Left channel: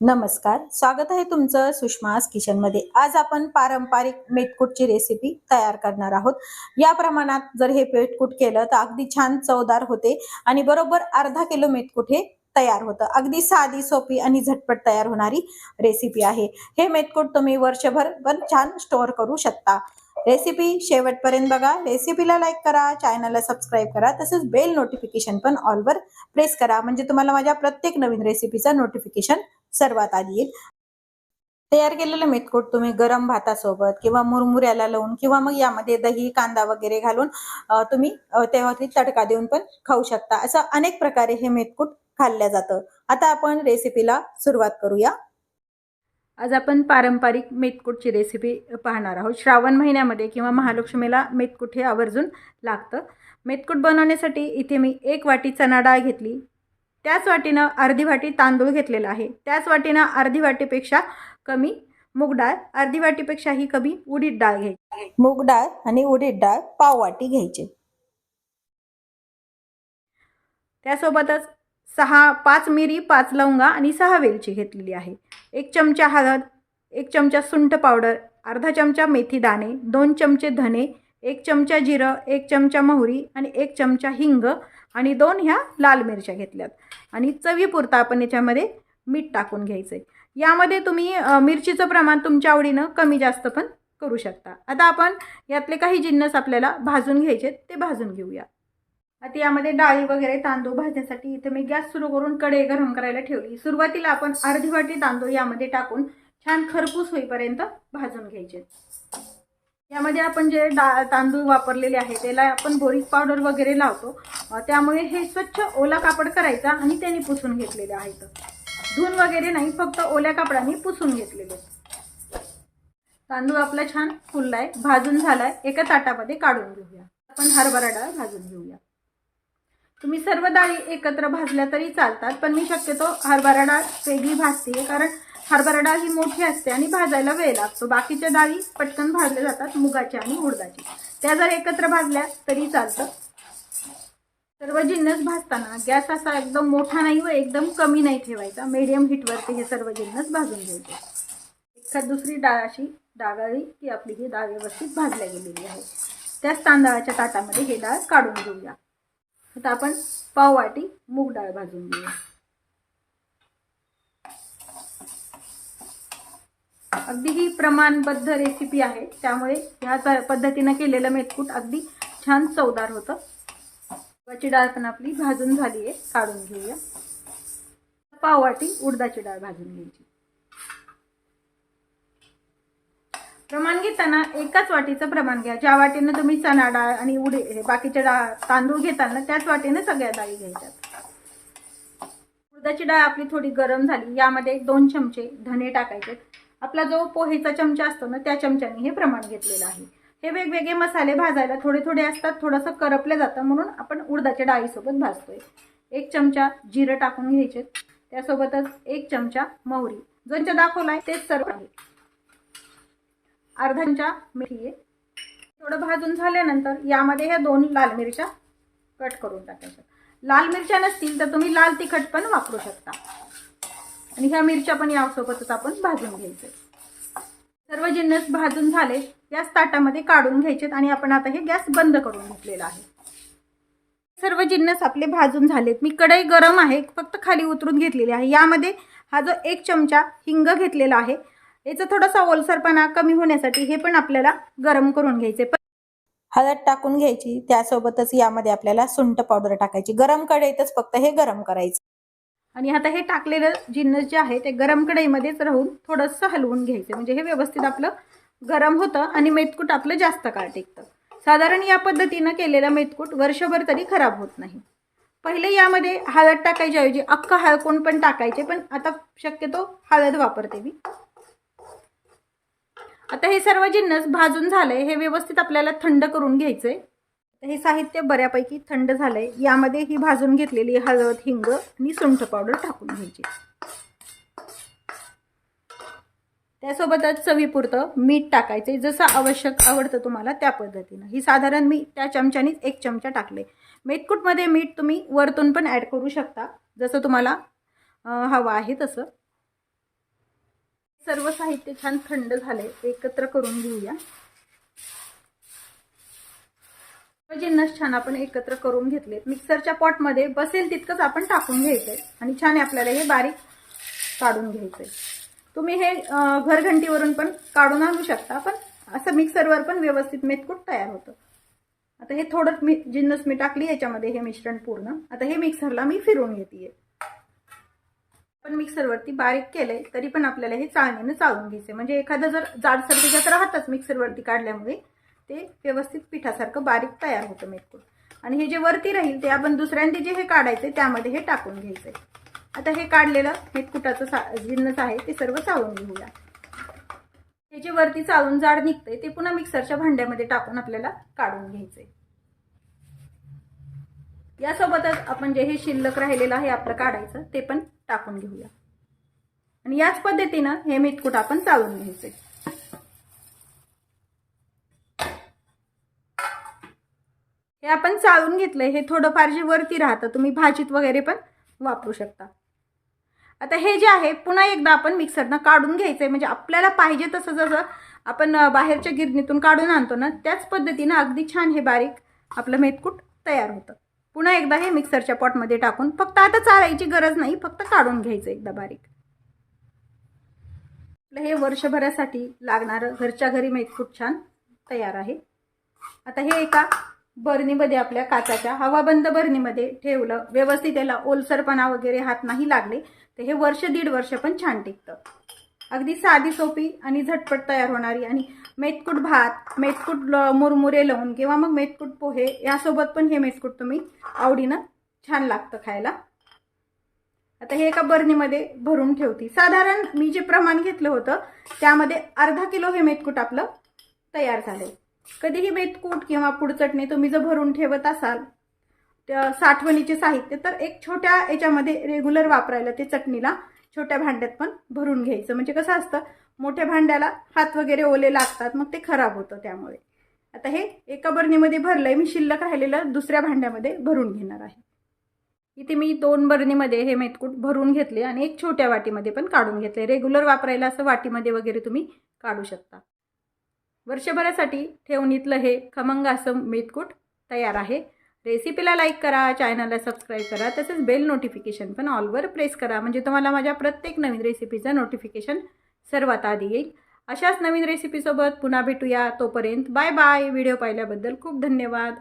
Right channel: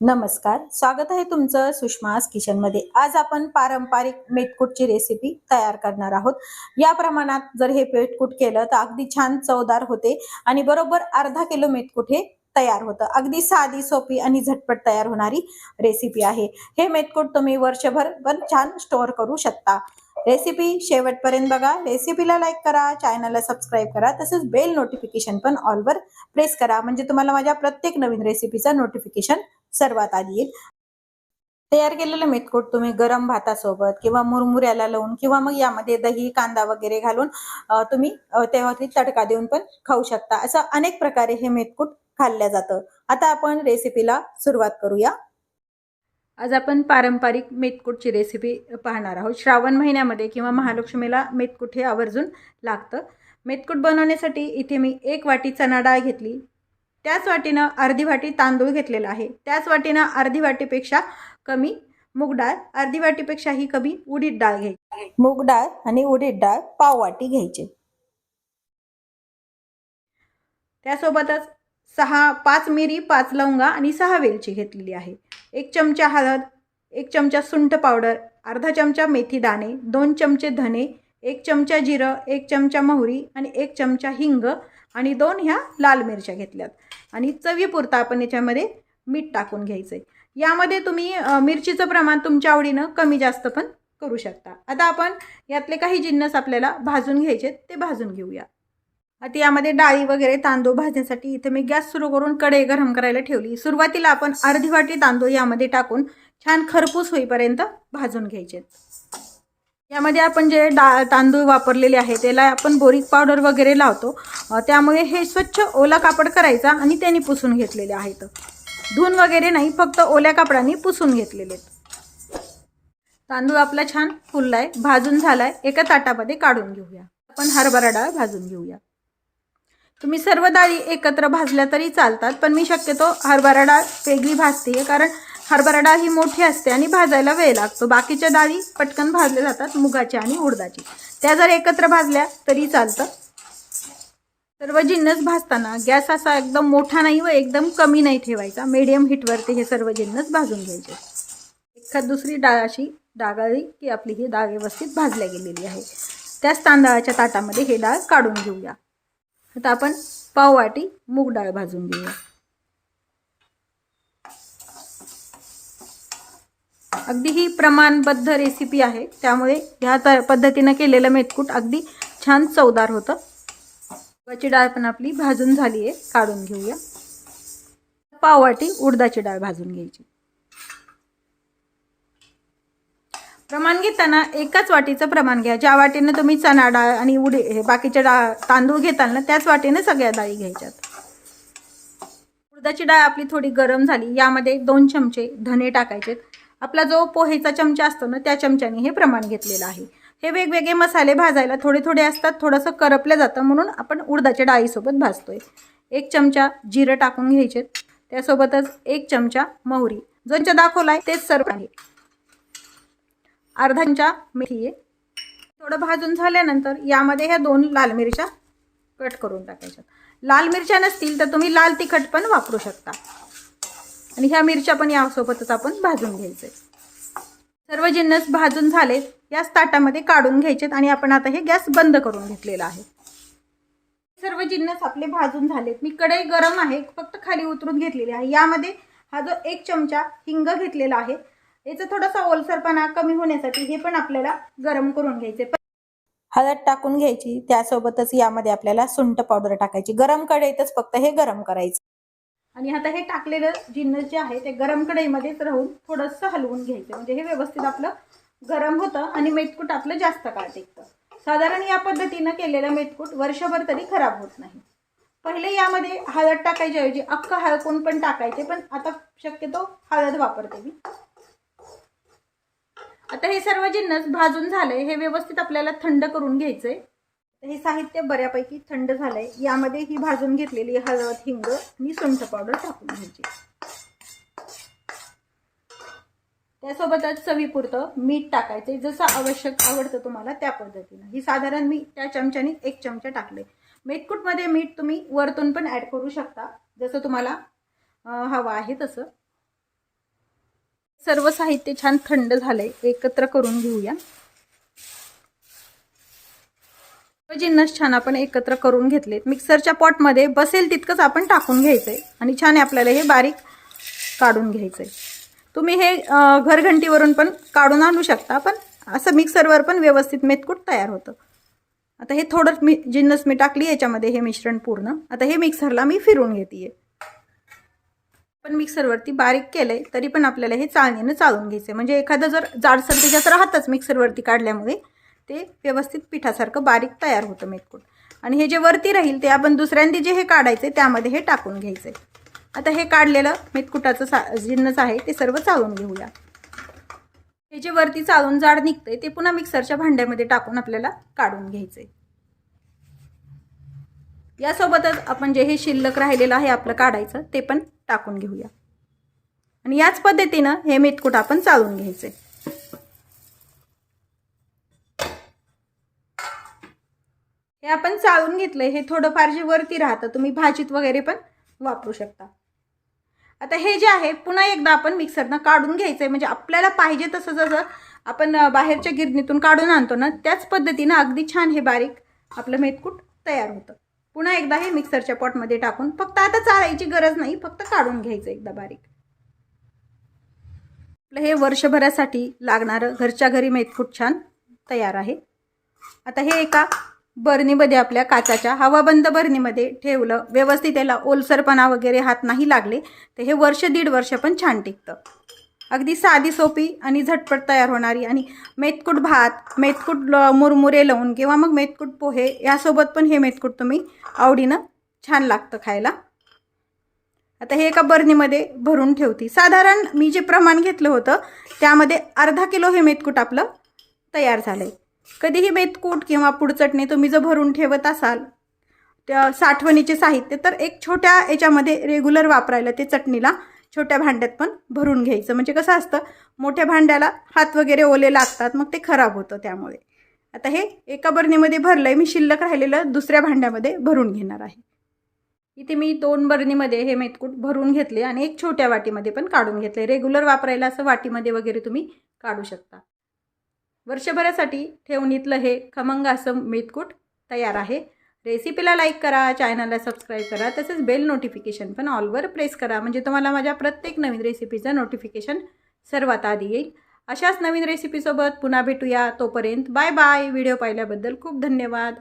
नमस्कार, स्वागत आहे तुमचं सुषमास किचनमध्ये। आज आपण पारंपरिक मेथकूटची रेसिपी तयार करणार आहोत। या प्रमाणात जर हे मेथकूट केलं तर अगदी छान चवदार होते आणि बरोबर अर्धा किलो मेथकूट हे तयार होतं। अगदी साधी सोपी आणि झटपट तयार होणारी रेसिपी आहे। हे मेथकूट तुम्ही वर्षभर पण छान स्टोअर करू शकता। रेसिपी शेवटपर्यंत बघा। रेसिपीला लाईक करा, चॅनलला सबस्क्राईब करा, तसेच बेल नोटिफिकेशन पण ऑलवर प्रेस करा, म्हणजे तुम्हाला माझ्या प्रत्येक नवीन रेसिपीचा नोटिफिकेशन सर्वात आधी येईल। तयार केलेलं मेथकूट तुम्ही गरम भातासोबत किंवा मुरमुऱ्याला लावून किंवा मग यामध्ये दही कांदा वगैरे घालून तुम्ही त्यावरती तडका देऊन पण खाऊ शकता। असं अनेक प्रकारे हे मेथकूट खाल्लं जातं। आता आपण रेसिपीला सुरुवात करूया। आज आपण पारंपरिक मेथकूटची रेसिपी पाहणार आहोत। श्रावण महिन्यामध्ये किंवा महालक्ष्मीला मेथकूट हे आवर्जून लागतं। मेथकूट बनवण्यासाठी इथे मी 1 वाटी चणा डाळ घेतली, त्याच वाटीनं अर्धी वाटी तांदूळ घेतलेला आहे, त्याच वाटीनं अर्धी वाटीपेक्षा कमी मूग डाळ, अर्धी वाटीपेक्षाही कमी उडीद डाळ घ्यायची। मूग डाळ आणि उडीद डाळ पाव वाटी घ्यायचे। त्यासोबतच 5 मिरी, 5 लवंगा आणि 6 वेलची घेतलेली आहे। 1 चमचा हळद, 1 चमचा सुंठ पावडर, अर्धा चमचा मेथी दाणे, 2 चमचे धने, 1 चमचा जिरं, 1 चमचा मोहरी आणि 1 चमचा हिंग आणि 2 ह्या लाल मिरच्या घेतल्यात आणि चवीपुरता आपण याच्यामध्ये मीठ टाकून घ्यायचंय। यामध्ये तुम्ही मिरचीचं प्रमाण तुमच्या आवडीनं कमी जास्त पण करू शकता। आता आपण यातले काही जिन्नस आपल्याला भाजून घ्यायचे, ते भाजून घेऊया। आता यामध्ये डाळी वगैरे तांदूळ भाजण्यासाठी इथे मी गॅस सुरू करून कढई गरम करायला ठेवली। सुरुवातीला आपण अर्धी वाटी तांदूळ यामध्ये टाकून छान खरपूस होईपर्यंत भाजून घ्यायचे। यामध्ये आपण जे तांदूळ वापरलेले आहे त्याला आपण बोरिक पावडर वगैरे लावतो, त्यामुळे हे स्वच्छ ओला कापड करायचा आणि त्याने पुसून घेतलेले आहेत। धुवून वगैरे नाही, फक्त ओल्या कापडाने पुसून घेतलेले। तांदूळ आपला छान फुललाय, भाजून झालाय, एका ताटामध्ये काढून घेऊया। आपण हरभरा डाळ भाजून घेऊया। तुम्ही सर्व डाळी एकत्र भाजल्या तरी चालतात, पण मी शक्यतो हरभरा डाळ वेगळी भाजते, कारण हरभरा डाळ ही मोठी असते आणि भाजायला वेळ लागतो। बाकीच्या डाळी पटकन भाजल्या जातात, मुगाची आणि उडदाची, त्या जर एकत्र भाजल्या तरी चालतं। सर्व जिन्नस भाजताना गॅस असा एकदम मोठा नाही व एकदम कमी नाही ठेवायचा, मीडियम हीटवरती हे सर्व जिन्नस भाजून घ्यायचे। एखाद दुसरी डाळ अशी डागाळी की आपली ही डाळ व्यवस्थित भाजल्या गेलेली आहे। त्याच तांदळाच्या ताटामध्ये हे डाळ काढून घेऊया। आता आपण पाव वाटी मूग डाळ भाजून घेऊया। अगदी ही प्रमाणबद्ध रेसिपी आहे, त्यामुळे ह्या पद्धतीने केलेलं मेथकूट अगदी छान चवदार होतं। मुगाची डाळ पण आपली भाजून झाली आहे, काढून घेऊया। पाव वाटी उडदाची डाळ भाजून घ्यायची। प्रमाण घेताना एकाच वाटीचं प्रमाण घ्या। ज्या वाटीने तुम्ही चणा डाळ आणि बाकीचे तांदूळ घेताल ना, त्याच वाटीने सगळ्या डाळी घ्यायच्यात। उडदाची डाळ आपली थोडी गरम झाली, यामध्ये 2 चमचे धने टाकायचे। आपला जो पोहेचा चमचा असतो ना, त्या चमच्याने हे प्रमाण घेतलेलं आहे। हे वेगवेगळे मसाले भाजायला थोडे थोडे असतात, थोडंसं करपलं जातं, म्हणून आपण उडदाच्या डाळीसोबत भाजतोय। 1 चमचा जिरं टाकून घ्यायचे, त्यासोबतच 1 चमचा मोहरी, जो दाखवलाय तेच सर्व आहे। अर्धा चमचा मेथी आहे। थोडं भाजून झाल्यानंतर यामध्ये ह्या 2 लाल मिरच्या कट करून टाकायच्या। लाल मिरच्या नसतील तर तुम्ही लाल तिखट पण वापरू शकता आणि ह्या मिरच्या पण यासोबतच आपण भाजून घ्यायचे। सर्व जिन्नस भाजून झाले, याच ताटामध्ये काढून घ्यायचे आणि आपण आता हे गॅस बंद करून घेतलेला आहे। सर्व जिन्नस आपले भाजून झालेत। मी कढई गरम आहे, फक्त खाली उतरून घेतलेली आहे। यामध्ये हा जो 1 चमचा हिंग घेतलेला आहे, याचा थोडासा ओलसरपणा कमी होण्यासाठी हे पण आपल्याला गरम करून घ्यायचे। हळद टाकून घ्यायची, त्यासोबतच यामध्ये आपल्याला सुंठ पावडर टाकायची। गरम कढईतच फक्त हे गरम करायचं आणि आता हे टाकलेलं जिन्नस जे आहे ते गरम कढईमध्येच राहून थोडंसं हलवून घ्यायचं, म्हणजे हे व्यवस्थित आपलं गरम होतं आणि मेथकूट आपलं जास्त काळ टिकतं। साधारण या पद्धतीनं केलेलं मेथकूट वर्षभर तरी खराब होत नाही। पहिले यामध्ये हळद टाकायच्या ऐवजी अख्खा हळकुंड पण टाकायचे, पण आता शक्यतो हळद वापरते मी। आता हे सर्व जिन्नस भाजून झाले, हे व्यवस्थित आपल्याला थंड करून घ्यायचंय। हे साहित्य बऱ्यापैकी थंड झालंय, यामध्ये ही भाजून घेतलेली हळद, हिंग आणि सुंठ पावडर टाकून घ्यायची। त्यासोबतच चवीपुरतं मीठ टाकायचे, जसं आवश्यक आवडतं तुम्हाला त्या पद्धतीने। ही साधारण मी त्या चमच्याने 1 चमचा टाकले। मेथकूटमध्ये मीठ तुम्ही वरतून पण ऍड करू शकता, जसं तुम्हाला हवं आहे तसं। सर्व साहित्य छान थंड झालंय, एकत्र करून घेऊया. जिन्नस छान आपण एकत्र करून घेतलेत. मिक्सरच्या पॉटमध्ये बसेल तितकंच आपण टाकून घ्यायचंय आणि छान आपल्याला हे बारीक काढून घ्यायचंय. तुम्ही हे घरघंटीवरून पण काढून आणू शकता, पण असं मिक्सरवर पण व्यवस्थित मेथकूट तयार होतं. आता हे थोडं जिन्नस मी टाकली याच्यामध्ये, हे मिश्रण पूर्ण. आता हे मिक्सरला मी फिरवून घेते. पण मिक्सरवरती बारीक केलंय तरी पण आपल्याला हे चाळणीनं चाळून घ्यायचं, म्हणजे एखादं जर जाडसर त्याच्यात राहतच मिक्सरवरती काढल्यामुळे ते व्यवस्थित पिठासारखं बारीक तयार होतं मेथकूट. आणि हे जे वरती राहील ते आपण दुसऱ्यांदा जे हे काढायचे त्यामध्ये हे टाकून घ्यायचंय. आता हे काढलेलं मेथकुटाचं जिन्नस आहे ते सर्व चाळून घेऊया. हे जे वरती चाळून जाड निघतंय ते पुन्हा मिक्सरच्या भांड्यामध्ये टाकून आपल्याला काढून घ्यायचंय. यासोबतच आपण जे हे शिल्लक राहिलेलं आहे आपलं काढायचं ते पण टाकून घेऊया. आणि याच पद्धतीनं हे मेथकूट आपण चाळून घ्यायचंय. हे आपण चाळून घेतलंय. हे थोडंफार जे वरती राहतं तुम्ही भाजीत वगैरे पण वापरू शकता. आता हे जे आहे पुन्हा एकदा आपण मिक्सरनं काढून घ्यायचंय, म्हणजे आपल्याला पाहिजे तसं जसं आपण बाहेरच्या गिरणीतून काढून आणतो ना त्याच पद्धतीनं अगदी छान हे बारीक आपलं मेथकूट तयार होतं. पुन्हा एकदा हे मिक्सरच्या पॉटमध्ये टाकून फक्त आता चाळायची गरज नाही, फक्त काढून घ्यायचं एकदा बारीक. हे वर्षभरासाठी लागणारं घरच्या घरी मेथकूट छान तयार आहे. आता हे एका बरणीमध्ये आपल्या काचाच्या हवाबंद बरणीमध्ये ठेवलं, व्यवस्थित त्याला ओलसरपणा वगैरे हात नाही लागले तर हे वर्ष दीड वर्ष पण छान टिकतं. अगदी साधी सोपी आणि झटपट तयार होणारी. आणि मेथकूट भात, मेथकूट मुरमुरे लावून किंवा मग मेथकूट पोहे यासोबत पण हे मेथकूट तुम्ही आवडीनं छान लागतं खायला. आता हे एका बरणीमध्ये भरून ठेवते. साधारण मी जे प्रमाण घेतलं होतं त्यामध्ये अर्धा किलो हे मेथकूट आपलं तयार झालंय. कधीही मेथकूट किंवा पुडचटणी तुम्ही जर भरून ठेवत असाल त्या साठवणीचे साहित्य तर एक छोट्या याच्यामध्ये रेग्युलर वापरायला ते चटणीला छोट्या भांड्यात पण भरून घ्यायचं. म्हणजे कसं असतं मोठ्या भांड्याला हात वगैरे ओले लागतात, मग ते खराब होतं. त्यामुळे आता हे एका बरणीमध्ये भरलंय. मी शिल्लक राहिलेलं दुसऱ्या भांड्यामध्ये भरून घेणार आहे. इथे मी 2 बरणीमध्ये हे मेथकूट भरून घेतले आणि एक छोट्या वाटीमध्ये पण काढून घेतले. रेग्युलर वापरायला असं वाटीमध्ये वगैरे तुम्ही काढू शकता. वर्षभरासाठी ठेवणीतलं हे खमंग असं मेथकूट तयार आहे. रेसिपीला लाईक करा, चॅनलला सबस्क्राईब करा, तसेच बेल नोटिफिकेशन पण ऑलवर प्रेस करा, म्हणजे तुम्हाला माझ्या प्रत्येक नवीन रेसिपीचं नोटिफिकेशन सर्वात आधी येईल. अशाच नवीन रेसिपीसोबत पुन्हा भेटूया. तोपर्यंत बाय बाय. व्हिडिओ पाहिल्याबद्दल खूप धन्यवाद.